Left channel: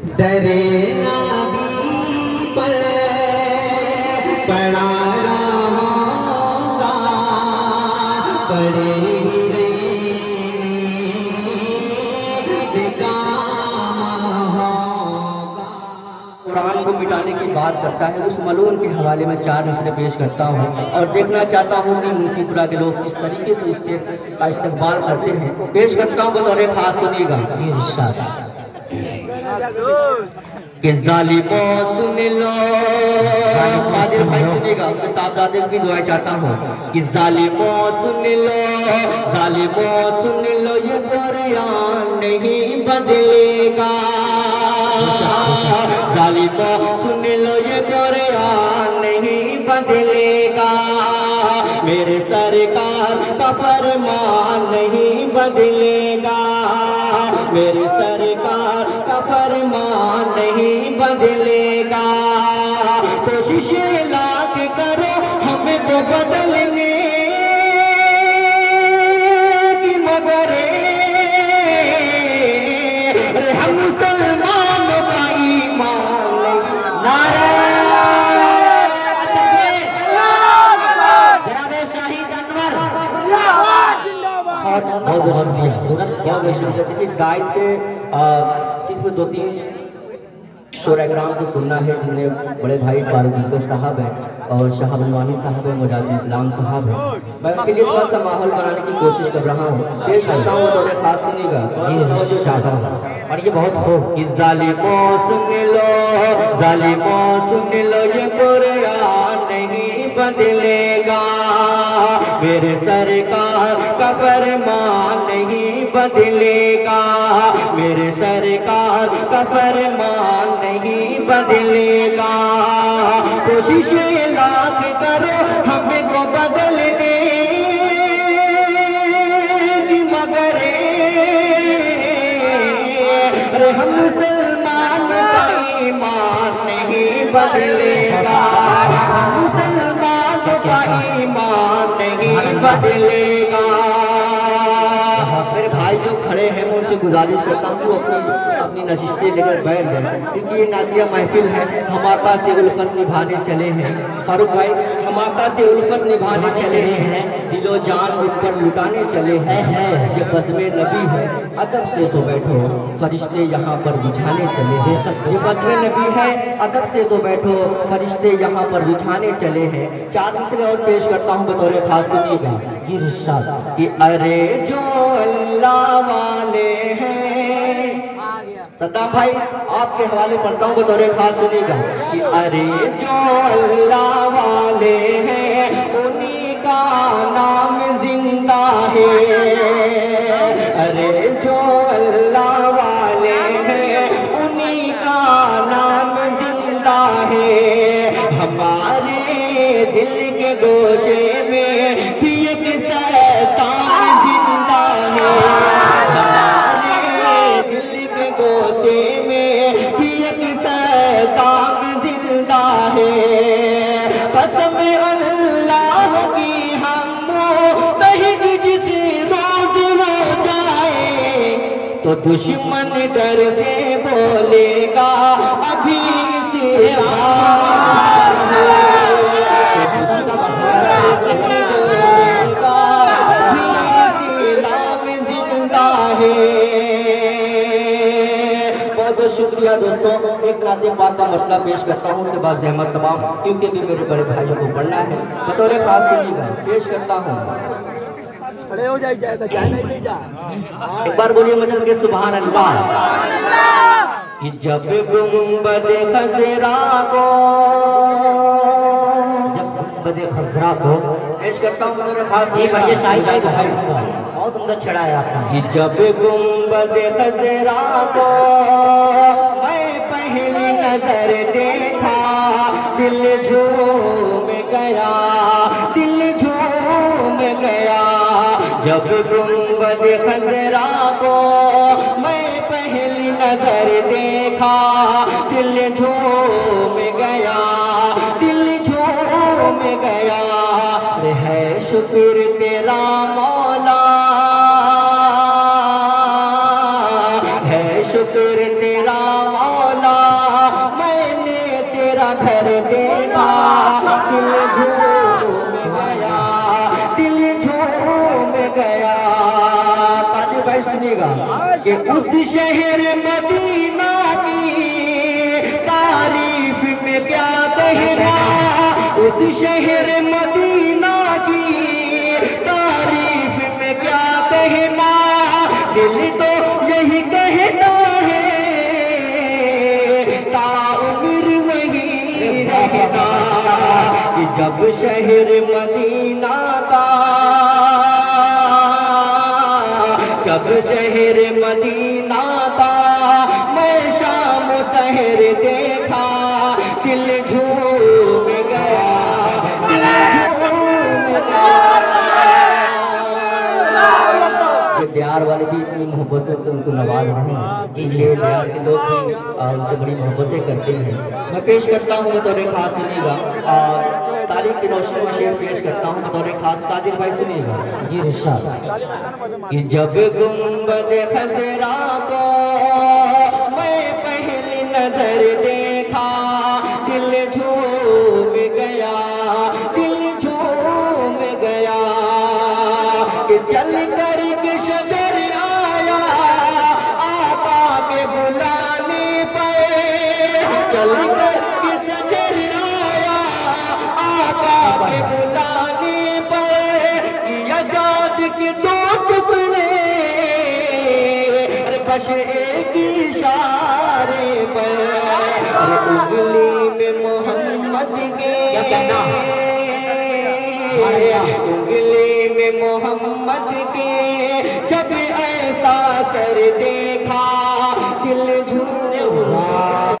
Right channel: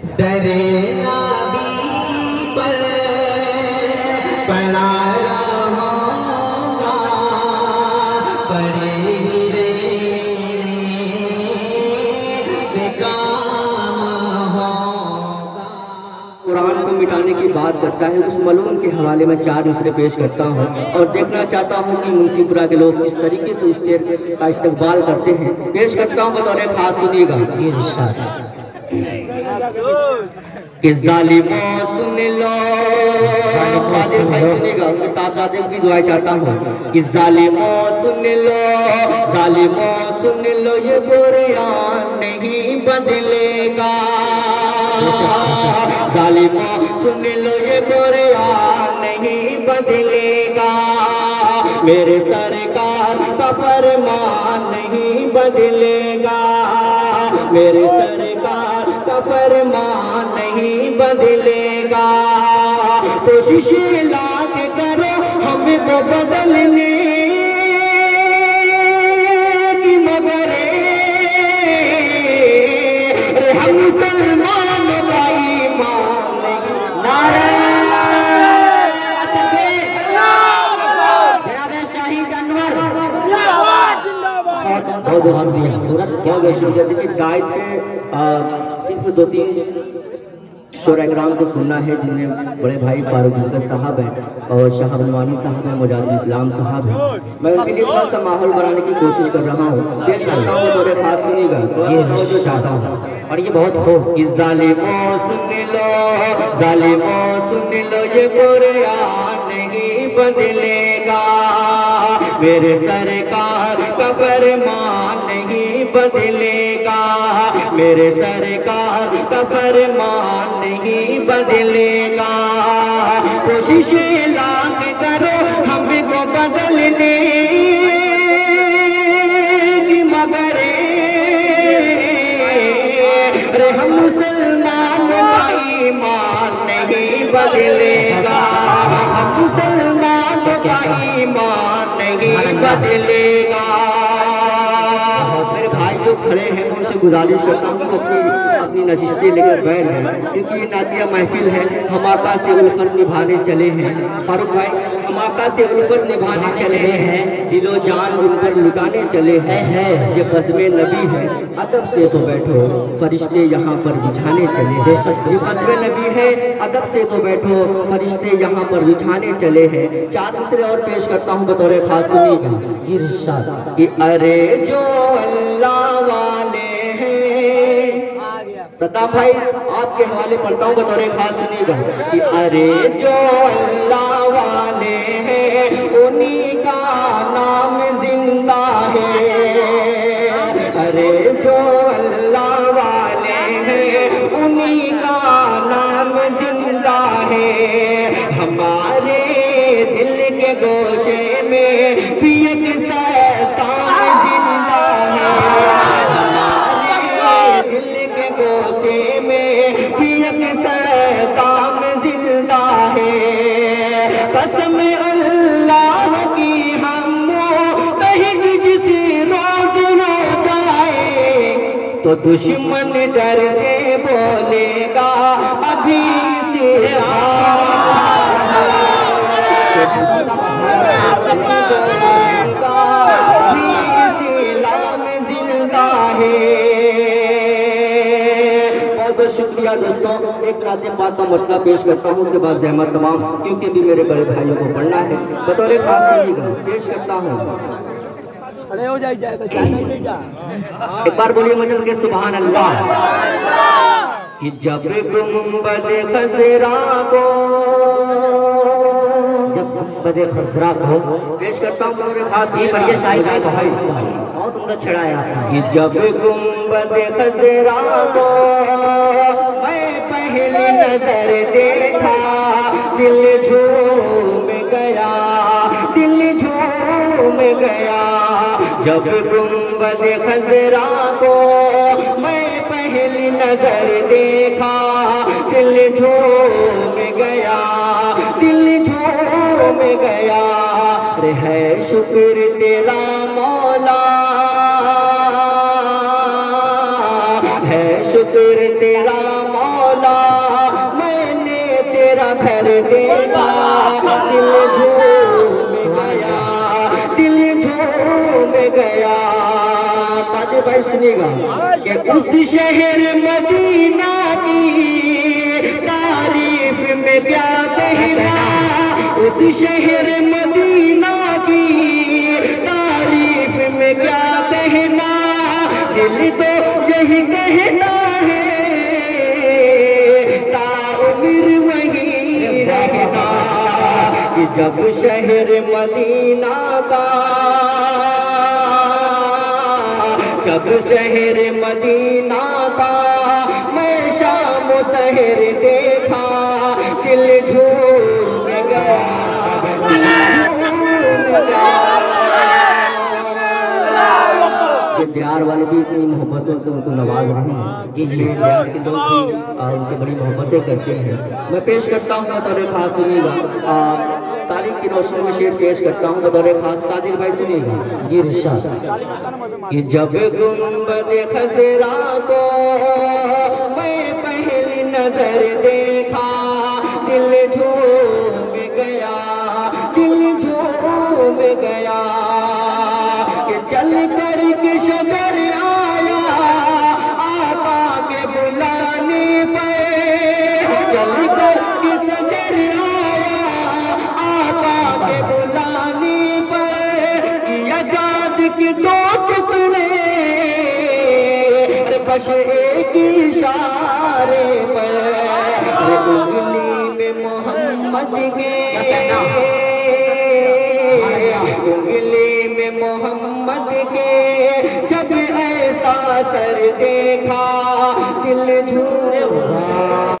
डरे नाबी पर पड़ा रहूंगा, पड़े ही रहने से काम होगा। कुरान को मिटाने की बात करता है, उस मलून के हवाले में 4 मिसरे पेश करता हूँ और देखना चाहता हूँ कि मुंशीपुरा के लोग किस तरीके से उस शेर का इस्तेमाल करते हैं। पेश करता हूँ बतौर खास, सुनिएगा। कि जालिमों सुन लो, सुनिएगा, मैं साहबजादे भी दुआएं चाहता हूँ कि जालिमों सुन लो, जालिमों सुन लो, ये कुरान नहीं बदलेगा। जालिमों सुन लो, ये कुरान नहीं बदलेगा। मेरे सरकार का फरमान नहीं बदलेगा, मेरे सरकार का फरमान नहीं बदलेगा। कोशिश लाख करो हमको बदलने की, मगर हम मुसलमान का ईमान नहीं। नारे शहीद अनवर बहुत खूबसूरत। क्या वैसे देखिए गाइस के सिर्फ 2-3 शोराग्राम को सुनना है, जिनमें बड़े भाई फारूक साहब हैं और शाह बनवानी साहब हैं, मुजाहिद इस्लाम साहब हैं। मैं उनके लिए थोड़ा सा माहौल बनाने की कोशिश कर रहा हूँ। देख सकता हूँ थोड़े खास सुनिएगा, ये जो चाहता हूँ और ये बहुत खूब। कि जालिमों सुन लो, जालिमों सुन लो, ये कुरान नहीं बदलेगा। मेरे सरकार का फरमान नहीं बदलेगा, मेरे सरकार का फरमान नहीं बदलेगा। कोशिश लाख करो हमको बदलने की, मगर हम मुसलमान का ईमान नहीं बदलेगा, हम मुसलमान का ईमान नहीं बदलेगा। मेरे भाई जो खड़े हैं उनसे गुजारिश करता हूँ अपनी नशिस्तें लेकर बैठ हैं, क्योंकि ये नातिया महफिल है। हम आका से उल्फत निभाने चले हैं। फारूक भाई, हम आका से उल्फत निभाने चले हैं, दिलो जान उन पर लुटाने चले हैं। ये क़स्म नबी है, अदब से तो बैठो, फरिश्ते यहाँ पर बिछाने चले हैं। ये क़स्म नबी है, अदब से तो बैठो, फरिश्ते यहाँ पर बिछाने चले हैं। 4 मिसरे और पेश करता हूँ बतौर खास, सुनिएगा। ये इरशाद कि अरे जो अल्लाह वाले हैं, सत्ताम भाई आपके हवाले पढ़ता हूँ बतौर खास, सुनिएगा। कि अरे जो अल्लाह वाले हैं उन्हीं का नाम जिंदा है, अरे जो अल्लाह वाले हैं उन्हीं का नाम जिंदा है। हमारे दिल के गोशे में भी एक शैतान जिंदा है, हमारे दिल के गोशे में भी एक शैतान जिंदा है। कसम अल्लाह की हम कहीं जिस रोज हो जाए तो दुश्मन डर से बोलेगा अभी से शुक्रिया दोस्तों। एक नाते पाक का मसला पेश करता हूँ, उसके बाद जहमत तमाम, क्योंकि भी मेरे बड़े भाइयों को पढ़ना है। बतौर खास सुनिएगा, पेश करता हूँ। हो जाएगा एक बार बोलिए मजल के सुभान अल्लाह। कि जब गुंबद खजरा को, जब गुंबद खजरा को पेश करता हूँ बतौर खास। ये बढ़िया शाही भाई बहुत उम्दा छड़ाया। कि जब गुंबद खजरा को मैं पहली नजर देखा, दिल झूम गया, दिल झूम गया। जब गुंबद खजरा को मैं पहली नजर देखा, दिल झूम गया, दिल झूम गया। है शुक्र तेरा मौला, है शुक्र तेरा मौला, घर देखा, दिल झूम गया, दिल झूम गया। ताली भाई सुनिएगा कि उस शहर मदीना की तारीफ में क्या कहना, उस शहर मदीना की तारीफ में क्या कहना, दिल तो यही कहना है ताउम्र वही रहना, कि जब शहर मदीना का, जब शहर मदीना का मैं शाम शहर देखा, दिल झूम गया, दियार वाले भी इतनी मोहब्बतों से उनको नवाज रहे हैं कि ये दियार के लोग भी उनसे बड़ी मोहब्बतें करते हैं। मैं पेश करता हूँ बतौर खास, सुनिएगा, तारीख की रोशनी में शेर पेश करता हूँ बतौर खास। कादिर भाई सुनिएगा ये इरशाद कि जब गुंबद खजरा को